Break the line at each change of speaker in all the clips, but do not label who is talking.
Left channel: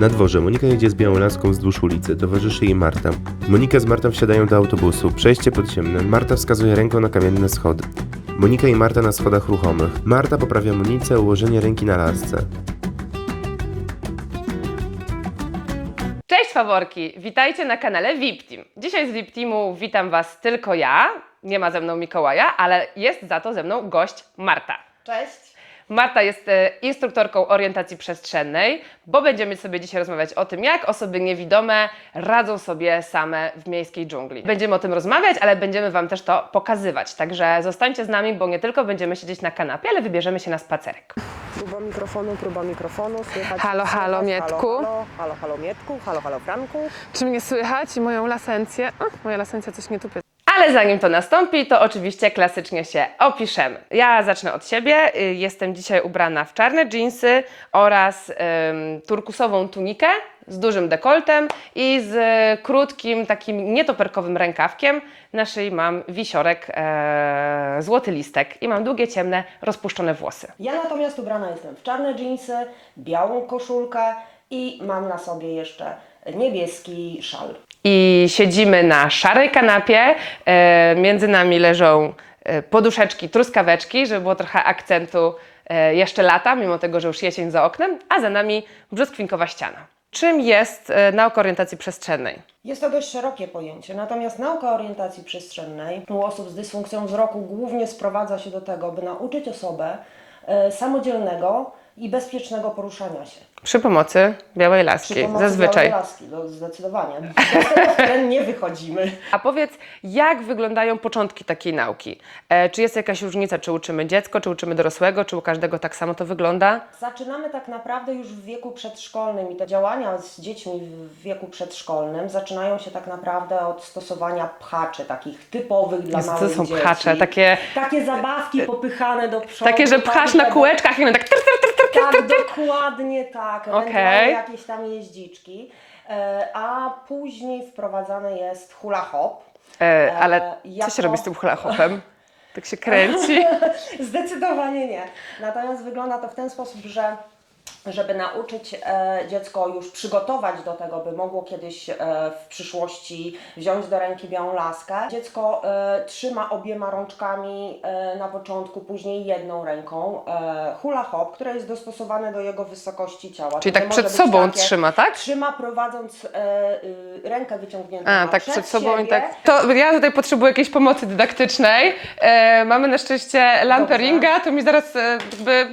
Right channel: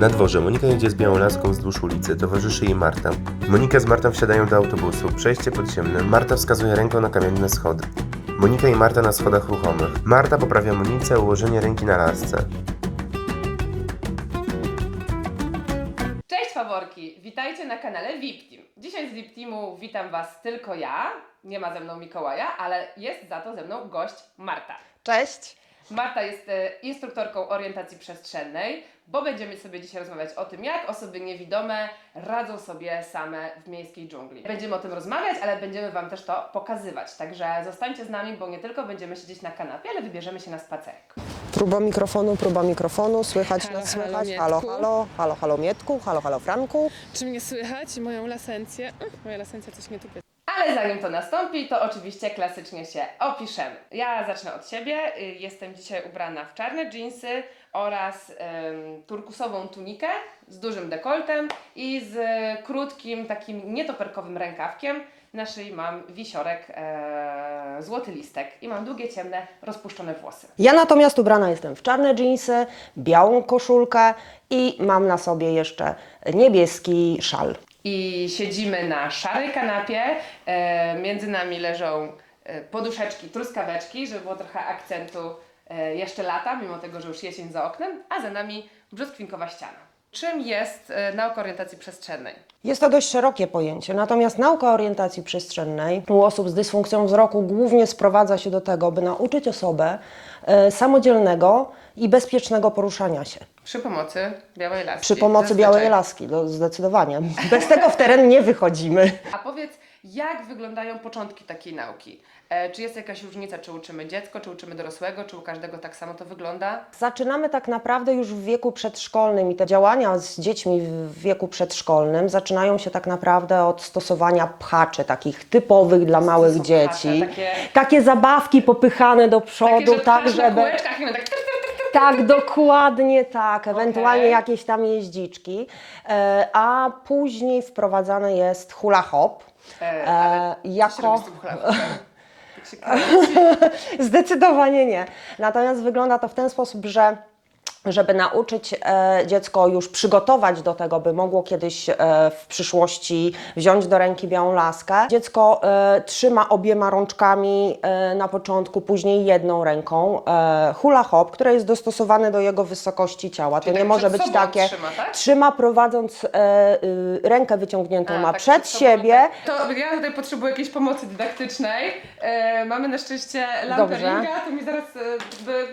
Na dworze Monika jedzie z białą laską wzdłuż ulicy, towarzyszy jej Marta. Monika z Martą wsiadają do autobusu, przejście podziemne, Marta wskazuje ręką na kamienne schody. Monika i Marta na schodach ruchomych. Marta poprawia Monice ułożenie ręki na lasce.
Cześć faworki, witajcie na kanale VIP Team. Dzisiaj z VIP Teamu witam Was tylko ja, nie ma ze mną Mikołaja, ale jest za to ze mną gość Marta.
Cześć.
Marta jest e, instruktorką orientacji przestrzennej, bo będziemy sobie dzisiaj rozmawiać o tym, jak osoby niewidome radzą sobie same w miejskiej dżungli. Będziemy o tym rozmawiać, ale będziemy Wam też to pokazywać. Także zostańcie z nami, bo nie tylko będziemy siedzieć na kanapie, ale wybierzemy się na spacerek.
Próba mikrofonu, próba mikrofonu, słychać.
Halo,
słychać,
halo, Mietku.
Halo, halo, halo, halo, Mietku, halo, halo, Franku.
Czy mnie słychać i moją lasencję? O, moja lasencja coś nie tupie.
Ale zanim to nastąpi, to oczywiście klasycznie się opiszemy. Ja zacznę od siebie. Y, Jestem dzisiaj ubrana w czarne dżinsy oraz ym, turkusową tunikę z dużym dekoltem i z krótkim, takim nietoperkowym rękawkiem. Na szyi mam wisiorek, e, złoty listek i mam długie, ciemne, rozpuszczone włosy.
Ja natomiast ubrana jestem w czarne dżinsy, białą koszulkę i mam na sobie jeszcze niebieski szal.
I siedzimy na szarej kanapie. E, między nami leżą e, poduszeczki, truskaweczki, żeby było trochę akcentu e, jeszcze lata, mimo tego, że już jesień za oknem, a za nami brzoskwinkowa ściana. Czym jest nauka orientacji przestrzennej?
Jest to dość szerokie pojęcie, natomiast nauka orientacji przestrzennej u osób z dysfunkcją wzroku głównie sprowadza się do tego, by nauczyć osobę samodzielnego i bezpiecznego poruszania się.
Przy pomocy białej laski.
Przy pomocy
zazwyczaj.
białej laski, no, zdecydowanie. Bez tego w teren nie wychodzimy.
A powiedz, jak wyglądają początki takiej nauki? E, czy jest jakaś różnica, czy uczymy dziecko, czy uczymy dorosłego, czy u każdego tak samo to wygląda?
Zaczynamy tak naprawdę już w wieku przedszkolnym i te działania z dziećmi w wieku przedszkolnym zaczynają się tak naprawdę od stosowania pchaczy, takich typowych dla małych dzieci.
pchacze, takie-
takie zabawki popychane do przodu.
Takie, że pchasz na
żeby-
kółeczkach i one tak...
Tak, dokładnie tak. Ewentualnie
Okej.
jakieś tam jeździczki. E, A później wprowadzany jest hula hop.
E, ale
E,
co się
jako-
robi z tym hula hopem? Tak się kręci.
Zdecydowanie nie. Natomiast wygląda to w ten sposób, że żeby nauczyć e, dziecko już przygotować do tego, by mogło kiedyś e, w przyszłości wziąć do ręki białą laskę, dziecko e, trzyma obiema rączkami na początku, później jedną ręką hula hop, które jest dostosowane do jego wysokości ciała.
Czyli
To
tak przed sobą
takie,
trzyma, tak?
Trzyma prowadząc y, rękę wyciągniętą ma
tak
przed,
sobą
siebie.
tak. To ja tutaj potrzebuję jakiejś pomocy dydaktycznej. Mamy na szczęście lampę
Dobrze.
ringa, to mi zaraz jakby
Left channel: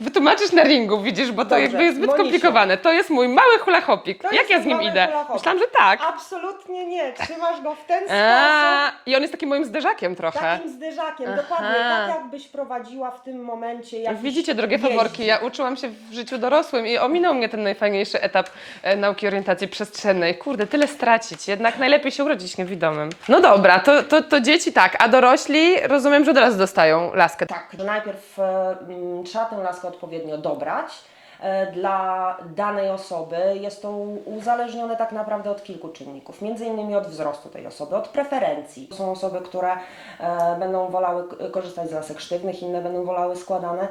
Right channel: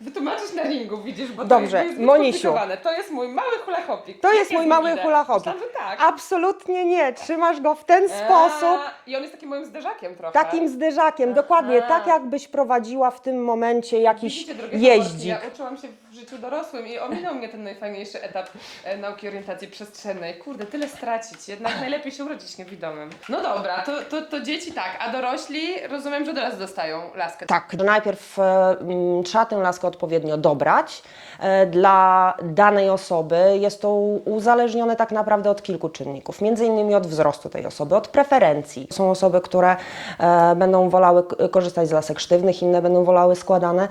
wytłumaczysz na ringu, widzisz, bo to
Dobrze.
jakby jest zbyt
Monisiu.
komplikowane. To jest mój mały hula hopik.
To
Jak
jest
ja z
mój
nim
mały
idę?
hula hop.
Myślałam, że tak.
Absolutnie nie. Trzymasz go w ten sposób.
A, I on jest takim moim zderzakiem trochę.
Takim zderzakiem, dokładnie, tak jakbyś prowadziła w tym momencie jakiś
Widzicie, drogie
jeździk.
faworki, ja uczyłam się w życiu dorosłym i ominął mnie ten najfajniejszy etap e, nauki orientacji przestrzennej. Kurde, tyle stracić, jednak najlepiej się urodzić niewidomym. No dobra, to, to, to dzieci tak, a dorośli rozumiem, że od razu dostają laskę.
Tak, że najpierw e, mm, trzeba tę laskę odpowiednio dobrać. E, Dla danej osoby jest to uzależnione tak naprawdę od kilku czynników, między innymi od wzrostu tej osoby, od preferencji. Są osoby, które e, będą wolały korzystać z lasek sztywnych, inne będą wolały składane.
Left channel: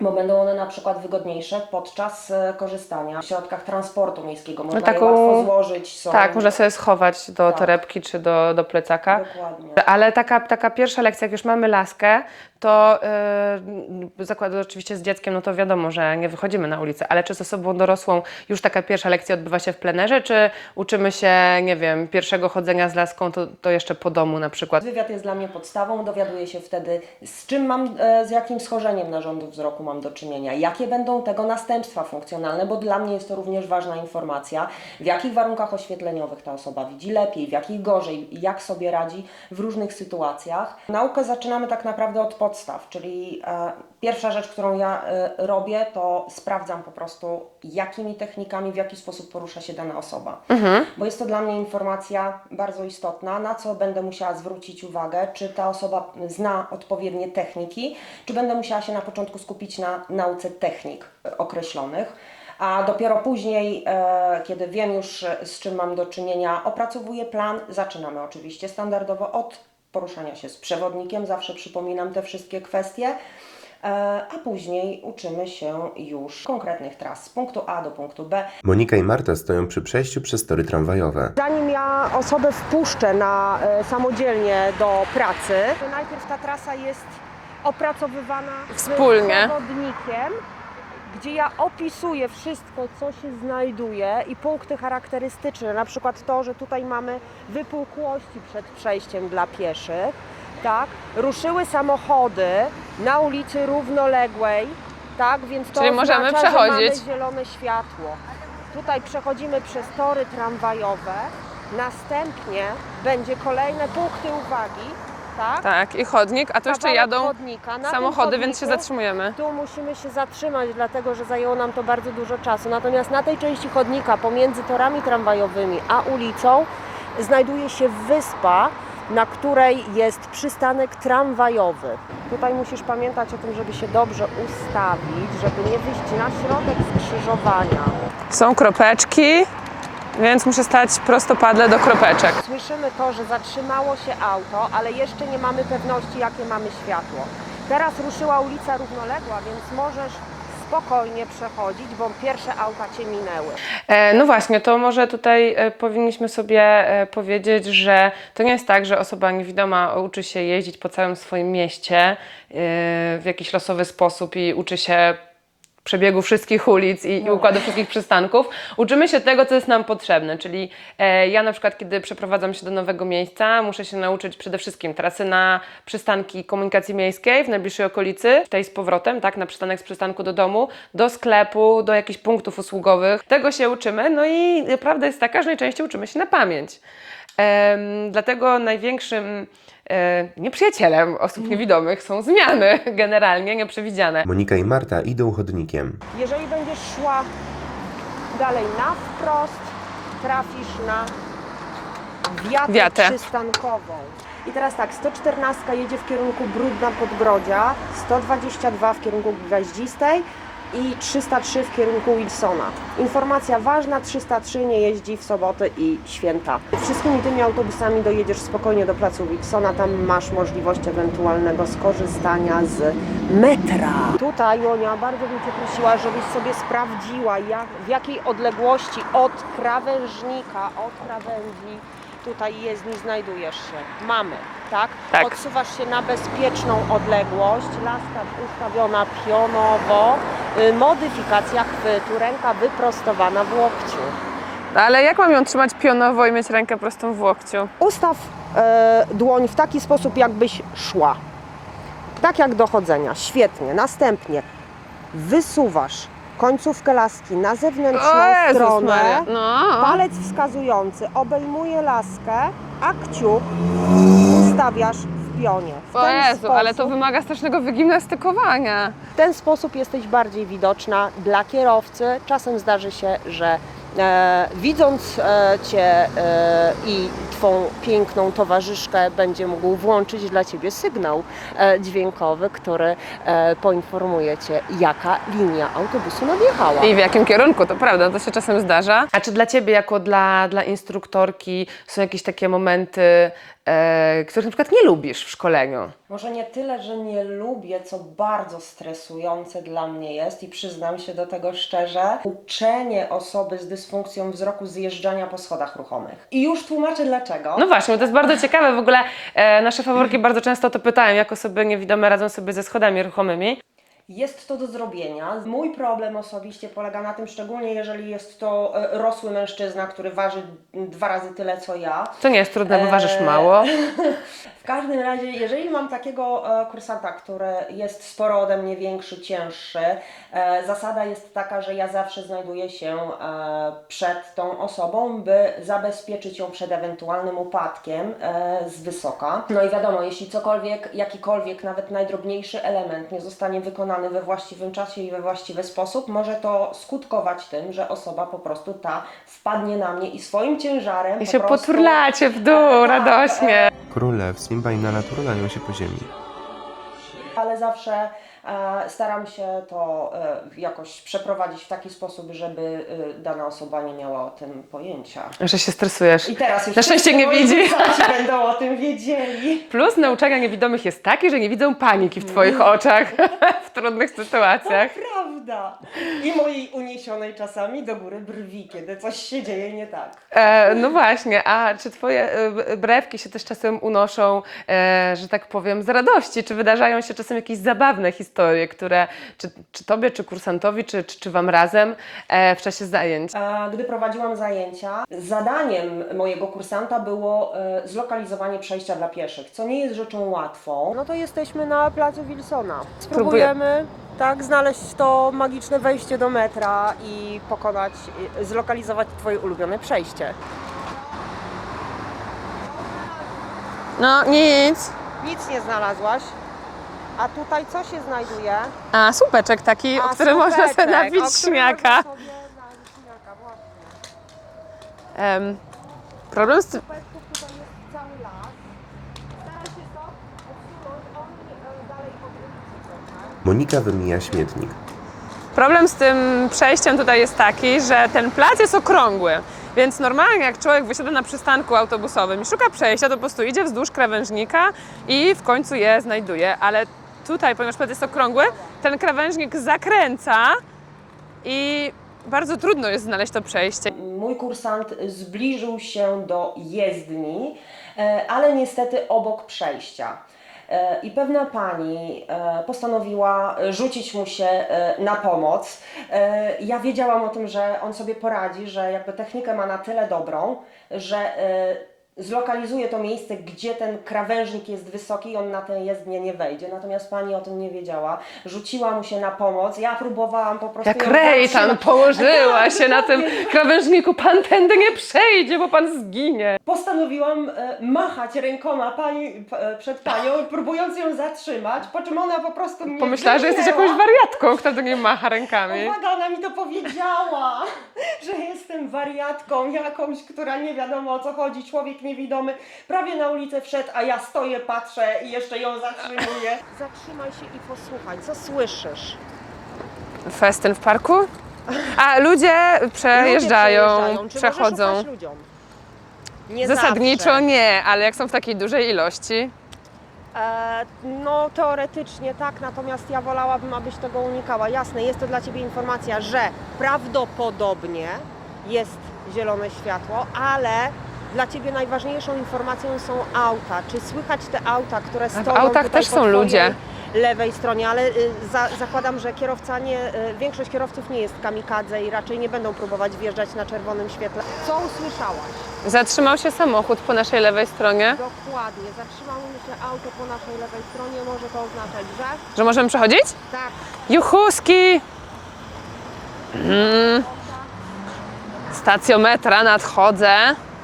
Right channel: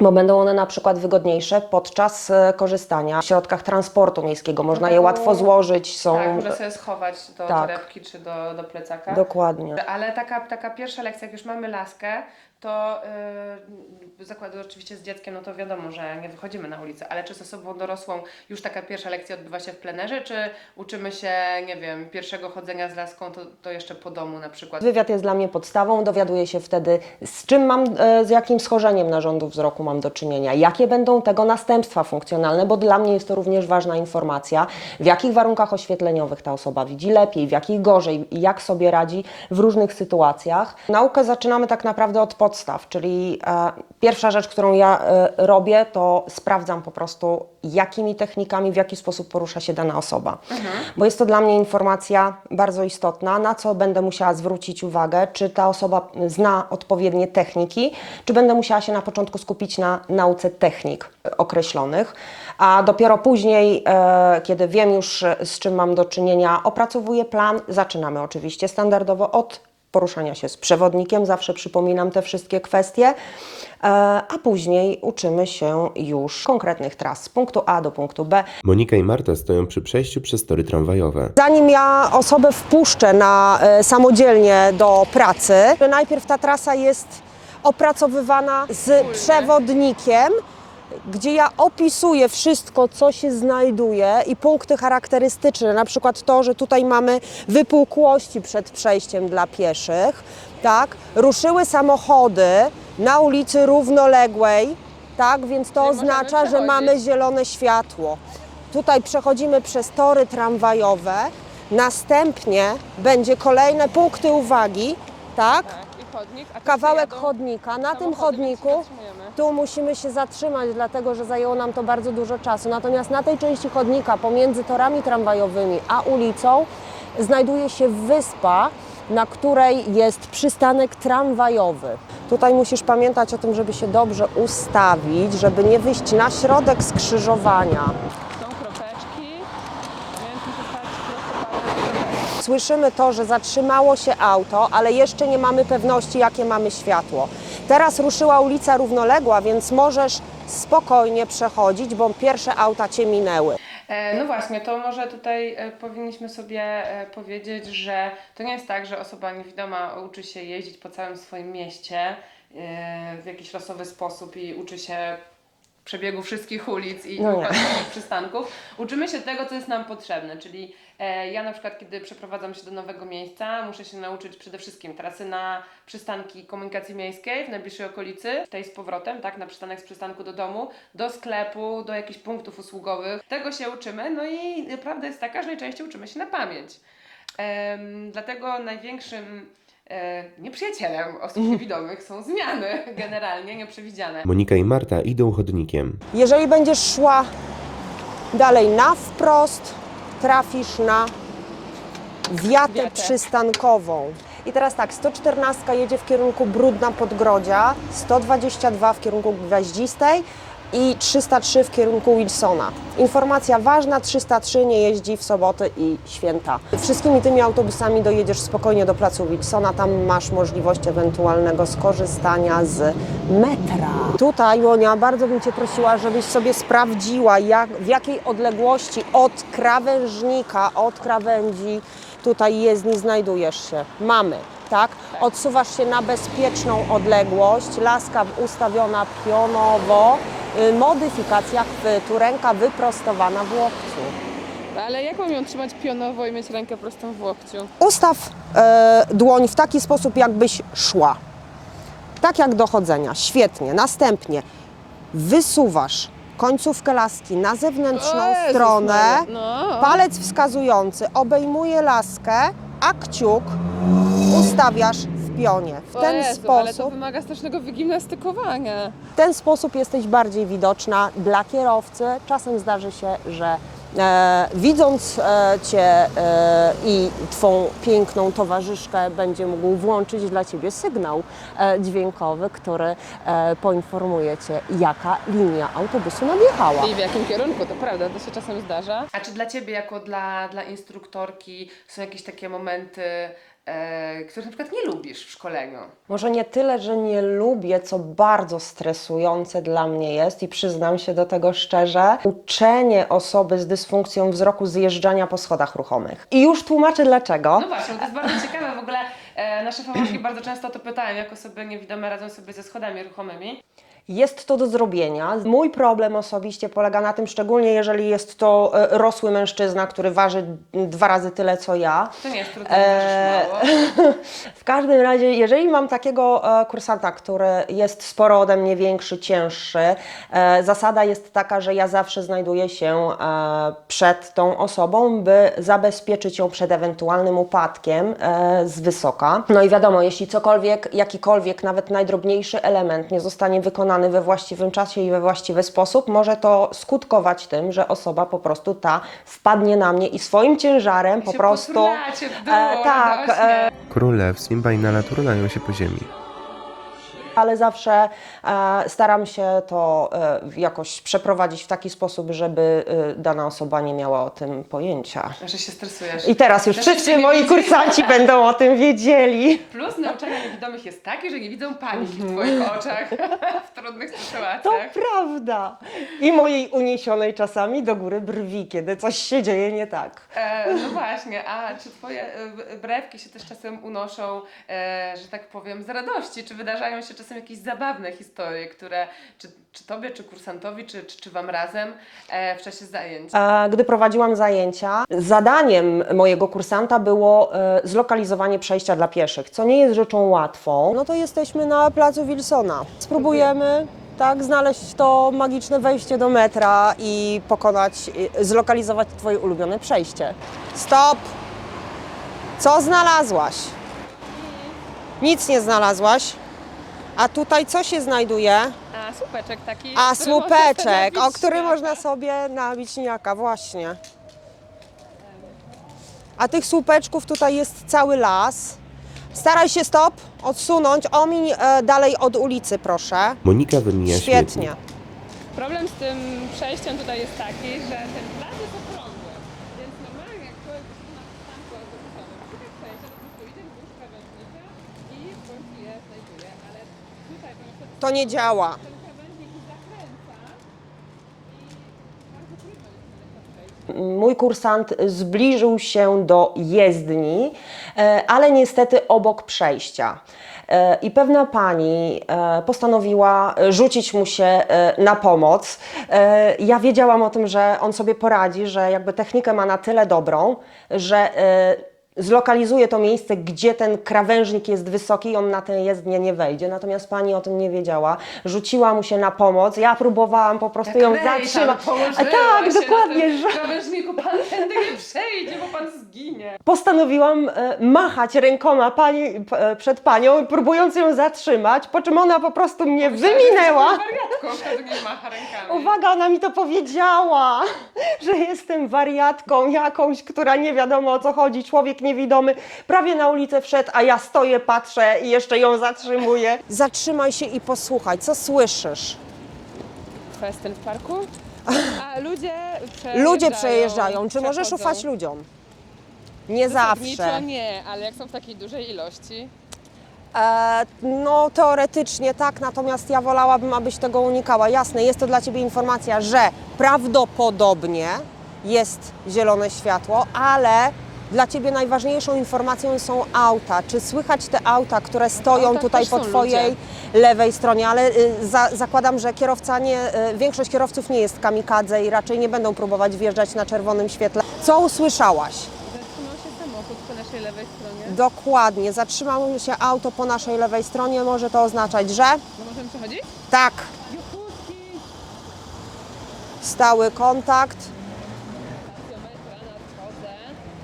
Bo będą one na przykład wygodniejsze podczas e, korzystania w środkach transportu miejskiego. Można je
taką-
łatwo złożyć. Są...
Tak, można sobie schować do
Tak.
torebki czy do, do plecaka.
Dokładnie.
Ale taka, taka pierwsza lekcja, jak już mamy laskę, to yy, zakładam oczywiście z dzieckiem, no to wiadomo, że nie wychodzimy na ulicę, ale czy z osobą dorosłą już taka pierwsza lekcja odbywa się w plenerze, czy uczymy się, nie wiem, pierwszego chodzenia z laską, to, to jeszcze po domu na przykład?
Wywiad jest dla mnie podstawą, dowiaduję się wtedy, z czym mam, e, z jakim schorzeniem narządu wzroku mam do czynienia, jakie będą tego następstwa funkcjonalne, bo dla mnie jest to również ważna informacja, w jakich warunkach oświetleniowych ta osoba widzi lepiej, w jakich gorzej? Jak sobie radzi w różnych sytuacjach. Naukę zaczynamy tak naprawdę od podstaw, czyli e, pierwsza rzecz, którą ja e, robię, to sprawdzam po prostu, jakimi technikami, w jaki sposób porusza się dana osoba. Bo jest to dla mnie informacja bardzo istotna, na co będę musiała zwrócić uwagę, czy ta osoba zna odpowiednie techniki, czy będę musiała się na początku skupić na nauce technik e, określonych. A dopiero później, e, kiedy wiem już e, z czym mam do czynienia, opracowuję plan. Zaczynamy oczywiście standardowo od poruszania się z przewodnikiem, zawsze przypominam te wszystkie kwestie, e, a później uczymy się już konkretnych tras z punktu A do punktu B.
Monika i Marta stoją przy przejściu przez tory tramwajowe.
Zanim ja osobę wpuszczę na, e, samodzielnie do pracy, najpierw ta trasa jest opracowywana z
Wspólnie.
przewodnikiem, gdzie ja opisuję wszystko, co się znajduje i punkty charakterystyczne, na przykład to, że tutaj mamy wypukłości przed przejściem dla pieszych, tak? Ruszyły samochody na ulicy równoległej, tak? Więc to
Czyli możemy
oznacza, że mamy zielone światło. Tutaj przechodzimy przez tory tramwajowe, następnie będzie kolejne punkty uwagi, tak?
Tak, i chodnik, a tu jeszcze
Kawałek
jadą
chodnika. Na
samochody,
tym
więc się
chodniku
zatrzymujemy.
Tu musimy się zatrzymać, dlatego że zajęło nam to bardzo dużo czasu. Natomiast na tej części chodnika pomiędzy torami tramwajowymi a ulicą znajduje się wyspa, na której jest przystanek tramwajowy. Tutaj musisz pamiętać o tym, żeby się dobrze ustawić, żeby nie wyjść na środek skrzyżowania.
Są kropeczki, więc muszę stać prostopadle do kropeczek.
Słyszymy to, że zatrzymało się auto, ale jeszcze nie mamy pewności, jakie mamy światło. Teraz ruszyła ulica równoległa, więc możesz spokojnie przechodzić, bo pierwsze auta cię minęły.
E, no właśnie, to może tutaj e, powinniśmy sobie e, powiedzieć, że to nie jest tak, że osoba niewidoma uczy się jeździć po całym swoim mieście w jakiś losowy sposób i uczy się przebiegu wszystkich ulic i, i
No.
układu wszystkich przystanków. Uczymy się tego, co jest nam potrzebne, czyli e, ja na przykład, kiedy przeprowadzam się do nowego miejsca, muszę się nauczyć przede wszystkim trasy na przystanki komunikacji miejskiej w najbliższej okolicy, tej z powrotem, tak, na przystanek z przystanku do domu, do sklepu, do jakichś punktów usługowych. Tego się uczymy, no i prawda jest taka, że najczęściej uczymy się na pamięć. Dlatego największym nieprzyjacielem osób niewidomych są zmiany generalnie nieprzewidziane.
Monika i Marta idą chodnikiem.
Jeżeli będziesz szła dalej na wprost, trafisz na wiatę,
Wiatę.
przystankową. I teraz tak, 114 jedzie w kierunku Brudna Podgrodzia, 122 w kierunku Gwiaździstej i 303 w kierunku Wilsona. Informacja ważna, 303 nie jeździ w soboty i święta. Wszystkimi tymi autobusami dojedziesz spokojnie do placu Wilsona, tam masz możliwość ewentualnego skorzystania z metra. Tutaj, Jonia, bardzo bym Cię prosiła, żebyś sobie sprawdziła, jak, w jakiej odległości od krawężnika, od krawędzi tutaj jezdni znajdujesz się. Mamy, tak?
Tak.
Odsuwasz się na bezpieczną odległość, laska ustawiona pionowo, y, modyfikacja chwytu, ręka wyprostowana w łokciu.
No ale jak mam ją trzymać pionowo i mieć rękę prostą w łokciu?
Ustaw e, dłoń w taki sposób, jakbyś szła. Tak jak do chodzenia. Świetnie. Następnie wysuwasz końcówkę laski na zewnętrzną
O Jezus
stronę.
No.
Palec wskazujący obejmuje laskę, a kciuk ustawiasz w pionie. W
O
ten,
Jezu,
sposób,
ale to wymaga strasznego wygimnastykowania.
w ten sposób jesteś bardziej widoczna dla kierowcy. Czasem zdarzy się, że e, widząc e, Cię e, i Twą piękną towarzyszkę będzie mógł włączyć dla Ciebie sygnał e, dźwiękowy, który e, poinformuje Cię, jaka linia autobusu nadjechała.
I w jakim kierunku, to prawda, to się czasem zdarza. A czy dla Ciebie, jako dla, dla instruktorki, są jakieś takie momenty, e, których na przykład nie lubisz w szkoleniu?
Może nie tyle, że nie lubię, co bardzo stresujące dla mnie jest i przyznam się do tego szczerze, uczenie osoby z dysfunkcją wzroku zjeżdżania po schodach ruchomych. I już tłumaczę dlaczego.
No właśnie, bo to jest bardzo ciekawe. W ogóle e, nasze faworki bardzo często to pytają, jak osoby niewidome radzą sobie ze schodami ruchomymi.
Jest to do zrobienia. Mój problem osobiście polega na tym, szczególnie jeżeli jest to e, rosły mężczyzna, który waży dwa razy tyle co ja.
To nie jest trudne, bo ważysz
Eee,
mało.
W każdym razie, jeżeli mam takiego e, kursanta, który jest sporo ode mnie większy, cięższy, e, zasada jest taka, że ja zawsze znajduję się e, przed tą osobą, by zabezpieczyć ją przed ewentualnym upadkiem e, z wysoka. No i wiadomo, jeśli cokolwiek, jakikolwiek, nawet najdrobniejszy element nie zostanie wykonany we właściwym czasie i we właściwy sposób, może to skutkować tym, że osoba po prostu ta wpadnie na mnie i swoim ciężarem
I
po
się
prostu...
poturlacie w dół
E, tak,
radośnie.
e,
Król lew, Simba i Nala turlają się po ziemi.
Ale zawsze e, staram się to e, jakoś przeprowadzić w taki sposób, żeby e, dana osoba nie miała o tym pojęcia.
Że się stresujesz.
I teraz już
Na
wszyscy
nie
moi
widzi.
kursanci będą o tym wiedzieli.
Plus nauczania niewidomych jest taki, że nie widzą paniki w Twoich oczach w trudnych
To
sytuacjach.
prawda. I mojej uniesionej czasami do góry brwi, kiedy coś się dzieje nie tak.
E, no właśnie, a czy Twoje brewki się też czasem unoszą, e, że tak powiem, z radości? Czy wydarzają się czasem jakieś zabawne historie, które czy, czy Tobie, czy kursantowi, czy, czy, czy Wam razem e, w czasie zajęć?
E, Gdy prowadziłam zajęcia, zadaniem mojego kursanta było e, zlokalizowanie przejścia dla pieszych, co nie jest rzeczą łatwą. No to jesteśmy na placu Wilsona. Spróbujemy tak znaleźć to magiczne wejście do metra i pokonać, e, zlokalizować Twoje ulubione przejście. Stop! Co znalazłaś?
No nic.
Nic nie znalazłaś. A tutaj co się znajduje?
A słupeczek taki,
A
o którym można sobie
słupeczek,
nabić
o którym można sobie nabić śmiaka, właśnie.
Em,
A
problem
tych
z-
słupeczków tutaj jest cały las. Staraj się stop, odsunąć, omiń e, dalej od ulicy, proszę.
Monika wymija
Świetnie.
śmietnik.
Problem z tym przejściem tutaj jest taki, że ten plac jest okrągły. Więc normalnie jak człowiek wysiada na przystanku autobusowym i szuka przejścia, to po prostu idzie wzdłuż krawężnika i w końcu je znajduje. Ale tutaj, ponieważ plac jest
To nie
okrągły,
działa.
ten krawężnik zakręca i bardzo trudno jest znaleźć to przejście.
Mój kursant zbliżył się do jezdni, e, ale niestety obok przejścia. E, I pewna pani e, postanowiła rzucić mu się e, na pomoc. E, Ja wiedziałam o tym, że on sobie poradzi, że jakby technikę ma na tyle dobrą, że e, zlokalizuje to miejsce, gdzie ten krawężnik jest wysoki i on na tę jezdnię nie wejdzie. Natomiast pani o tym nie wiedziała. Rzuciła mu się na pomoc. Ja próbowałam po prostu
Jak
ją
Rej tam
zatrzymać.
położyła
Tak,
się na tym
dokładnie.
krawężniku, Pan tędy nie przejdzie, bo Pan zginie.
Postanowiłam e, machać rękoma pani, p- e, przed panią, próbując ją zatrzymać, po czym ona po prostu mnie
Pomyślała, że jesteś
wyminęła.
jakąś wariatką, kto do niej macha rękami.
Uwaga, ona mi to powiedziała, że jestem wariatką jakąś, która nie wiadomo o co chodzi, człowiek niewidomy, prawie na ulicę wszedł, a ja stoję, patrzę i jeszcze ją zatrzymuję. Zatrzymaj się i posłuchaj, co słyszysz?
Festyn w parku? A ludzie przejeżdżają,
Ludzie przejeżdżają, czy możesz
przechodzą.
ufać ludziom? Nie
Zasadniczo
zawsze.
nie, ale jak są w takiej dużej ilości.
E, no teoretycznie tak, natomiast ja wolałabym, abyś tego unikała. Jasne, jest to dla Ciebie informacja, że prawdopodobnie jest zielone światło, ale dla Ciebie najważniejszą informacją są auta. Czy słychać te auta, które stoją
autach
tutaj po Twojej
ludzie.
lewej stronie, ale y, za, zakładam, że kierowca nie, y, większość kierowców nie jest kamikadze i raczej nie będą próbować wjeżdżać na czerwonym świetle. Co usłyszałaś?
Zatrzymał się samochód po naszej lewej stronie,
Dokładnie, zatrzymało się auto po naszej lewej stronie, może to oznaczać, że
że możemy przechodzić?
tak,
Juchuski!
stały
Mm.
kontakt
Stacjometra, nadchodzę.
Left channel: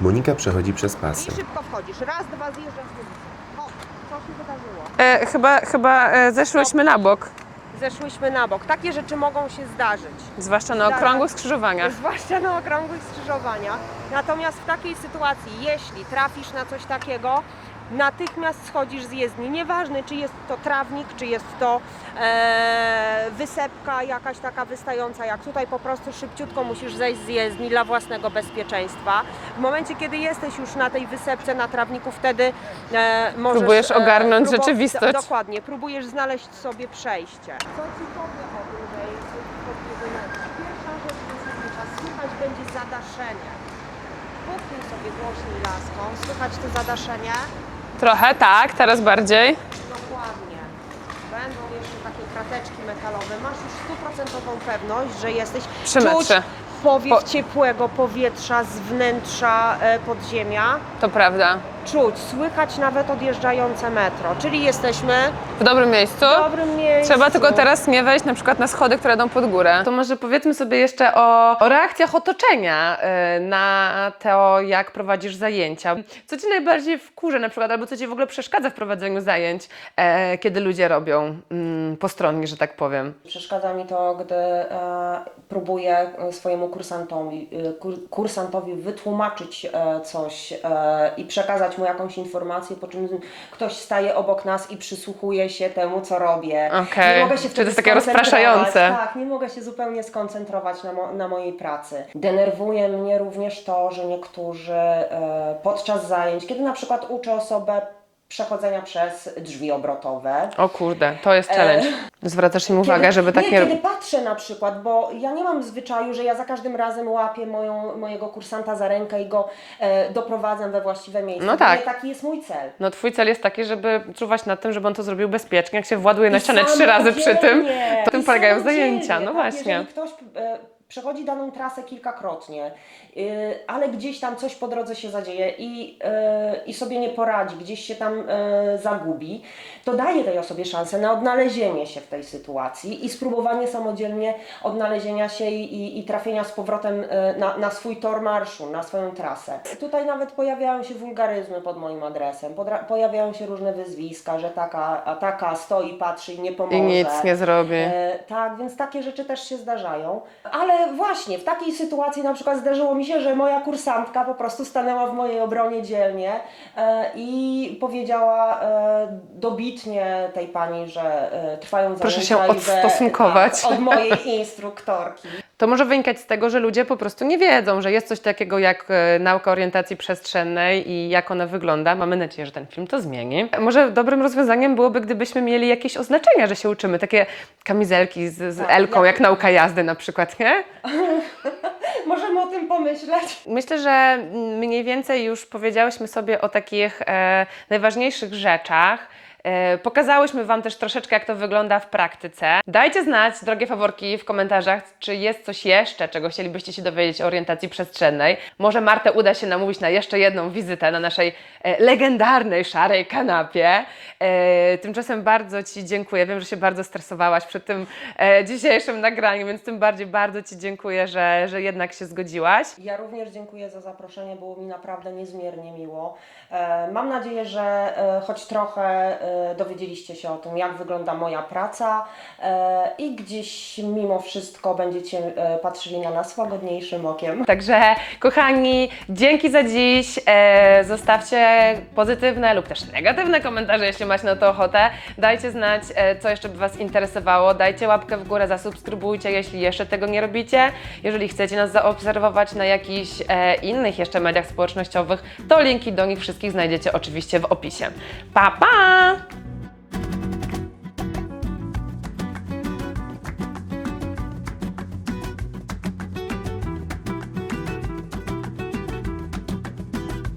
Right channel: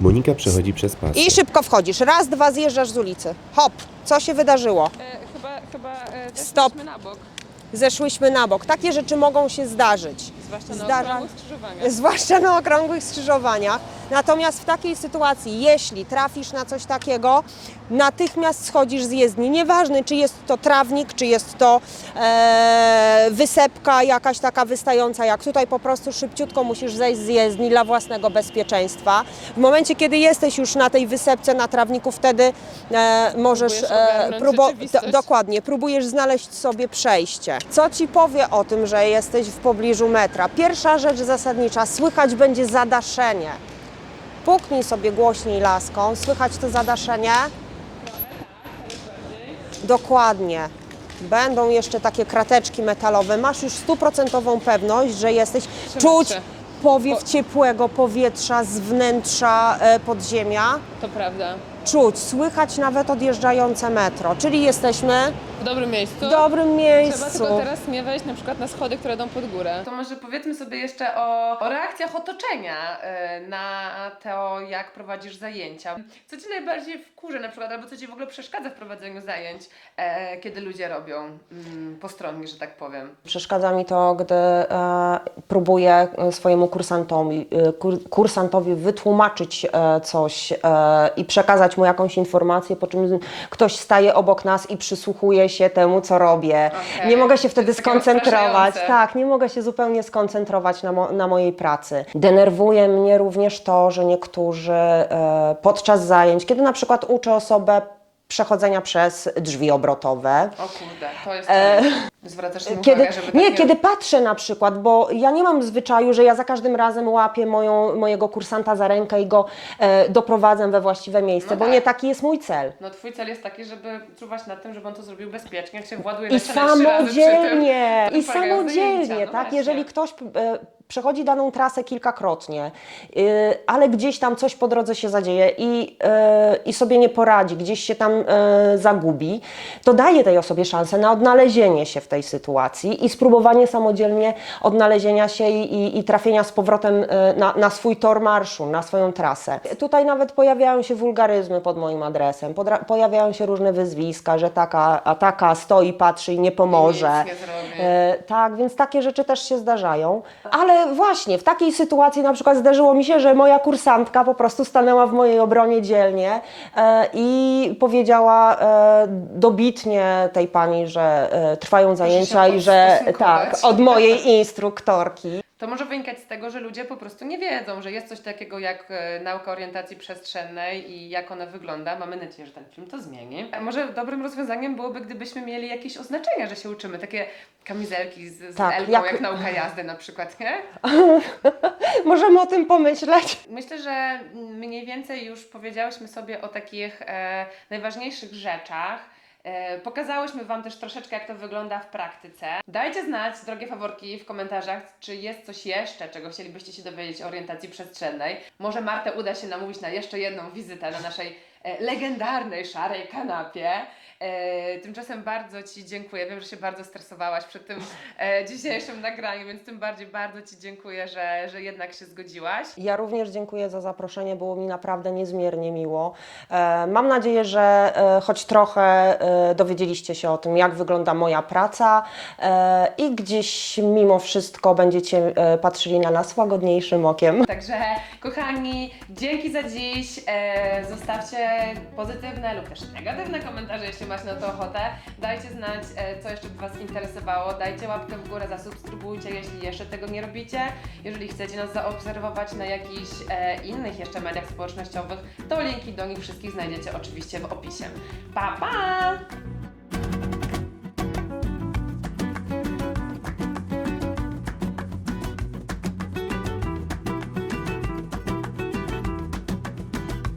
Monika przechodzi przez pas.
i szybko wchodzisz. Raz, dwa, zjeżdżasz z ulicy. Hop, co się wydarzyło?
E, chyba chyba e, zeszłyśmy na bok,
Zeszłyśmy na bok. Takie rzeczy mogą się zdarzyć.
zwłaszcza na okrągłych skrzyżowaniach.
Zwłaszcza na okrągłych skrzyżowaniach. Natomiast w takiej sytuacji, jeśli trafisz na coś takiego, natychmiast schodzisz z jezdni. Nieważne, czy jest to trawnik, czy jest to e, wysepka jakaś taka wystająca, jak tutaj po prostu szybciutko musisz zejść z jezdni dla własnego bezpieczeństwa. W momencie, kiedy jesteś już na tej wysepce, na trawniku, wtedy e, możesz...
Próbujesz ogarnąć rzeczywistość.
do- Dokładnie, próbujesz znaleźć sobie przejście. Co ci powie o tym, że jesteś w pobliżu metra? Pierwsza rzecz zasadnicza, słychać będzie zadaszenie. Puknij sobie głośniej laską, słychać to zadaszenie?
Trochę tak, teraz bardziej.
Dokładnie. Będą jeszcze takie krateczki metalowe. Masz już stuprocentową pewność, że jesteś
Przy
czuć
metrze.
powiew
Po-
ciepłego powietrza z wnętrza e, podziemia.
To prawda.
Czuć, słychać nawet odjeżdżające metro. Czyli jesteśmy
W dobrym miejscu.
w dobrym miejscu.
Trzeba tylko teraz nie wejść na przykład na schody, które idą pod górę.
To może powiedzmy sobie jeszcze o, o reakcjach otoczenia y, na to, jak prowadzisz zajęcia. Co Ci najbardziej wkurza na przykład, albo co Ci w ogóle przeszkadza w prowadzeniu zajęć, e, kiedy ludzie robią mm, postronni, że tak powiem?
Przeszkadza mi to, gdy e, próbuję e, swojemu kursantowi, e, kur, kursantowi wytłumaczyć e, coś e, i przekazać dać mu jakąś informację, po czym ktoś staje obok nas i przysłuchuje się temu, co robię.
Okej.
Nie mogę się wtedy skoncentrować. Tak, nie mogę się zupełnie skoncentrować na, mo- na mojej pracy. Denerwuje mnie również to, że niektórzy e, podczas zajęć, kiedy na przykład uczę osobę przechodzenia przez drzwi obrotowe,
O kurde, to jest challenge. Zwracasz im uwagę, żeby tak
nie,
nie...
kiedy patrzę na przykład, bo ja nie mam zwyczaju, że ja za każdym razem łapię moją, mojego kursanta za rękę i go e, doprowadzam we właściwe miejsce,
No
bo
tak.
nie taki jest mój cel.
No twój cel jest taki, żeby czuwać nad tym, żeby on to zrobił bezpiecznie. Jak się właduje na ścianę trzy razy przy tym, to tym polegają zajęcia. No
tak?
właśnie.
Jeżeli ktoś e, przechodzi daną trasę kilkakrotnie, y, ale gdzieś tam coś po drodze się zadzieje i, e, i sobie nie poradzi, gdzieś się tam e, zagubi, to daje tej osobie szansę na odnalezienie się w tej sytuacji i spróbowanie samodzielnie odnalezienia się i, i, i trafienia z powrotem e, na, na swój tor marszu, na swoją trasę. Tutaj nawet pojawiają się wulgaryzmy pod moim adresem, podra- pojawiają się różne wyzwiska, że taka, a taka stoi, patrzy i nie
I
pomoże.
nic nie zrobi.
E, tak, więc takie rzeczy też się zdarzają. Ale właśnie w takiej sytuacji na przykład zdarzyło mi się, że moja kursantka po prostu stanęła w mojej obronie dzielnie e, i powiedziała e, dobitnie tej pani, że e, trwają zajęcia i że tak, od mojej instruktorki.
To może wynikać z tego, że ludzie po prostu nie wiedzą, że jest coś takiego jak e, nauka orientacji przestrzennej i jak ona wygląda. Mamy nadzieję, że ten film to zmieni. Może dobrym rozwiązaniem byłoby, gdybyśmy mieli jakieś oznaczenia, że się uczymy. Takie kamizelki z, z
Tak,
Elką,
jak-
jak nauka jazdy na przykład, nie?
Możemy o tym pomyśleć.
Myślę, że mniej więcej już powiedziałyśmy sobie o takich e, najważniejszych rzeczach. E, pokazałyśmy Wam też troszeczkę, jak to wygląda w praktyce. Dajcie znać, drogie faworki, w komentarzach, czy jest coś jeszcze, czego chcielibyście się dowiedzieć o orientacji przestrzennej. Może Martę uda się namówić na jeszcze jedną wizytę na naszej legendarnej szarej kanapie. E, tymczasem bardzo Ci dziękuję. Wiem, że się bardzo stresowałaś przed tym e, dzisiejszym nagraniem, więc tym bardziej bardzo Ci dziękuję, że, że jednak się zgodziłaś.
Ja również dziękuję za zaproszenie, było mi naprawdę niezmiernie miło. E, Mam nadzieję, że e, choć trochę e, dowiedzieliście się o tym, jak wygląda moja praca e, i gdzieś mimo wszystko będziecie e, patrzyli na nas łagodniejszym okiem.
Także, kochani, dzięki za dziś. E, zostawcie pozytywne lub też negatywne komentarze, jeśli macie na to ochotę. Dajcie znać, e, co jeszcze by Was interesowało. Dajcie łapkę w górę, zasubskrybujcie, jeśli jeszcze tego nie robicie. Jeżeli chcecie nas zaobserwować na jakichś e, innych jeszcze mediach społecznościowych, to linki do nich wszystkich znajdziecie oczywiście w opisie. Pa, pa!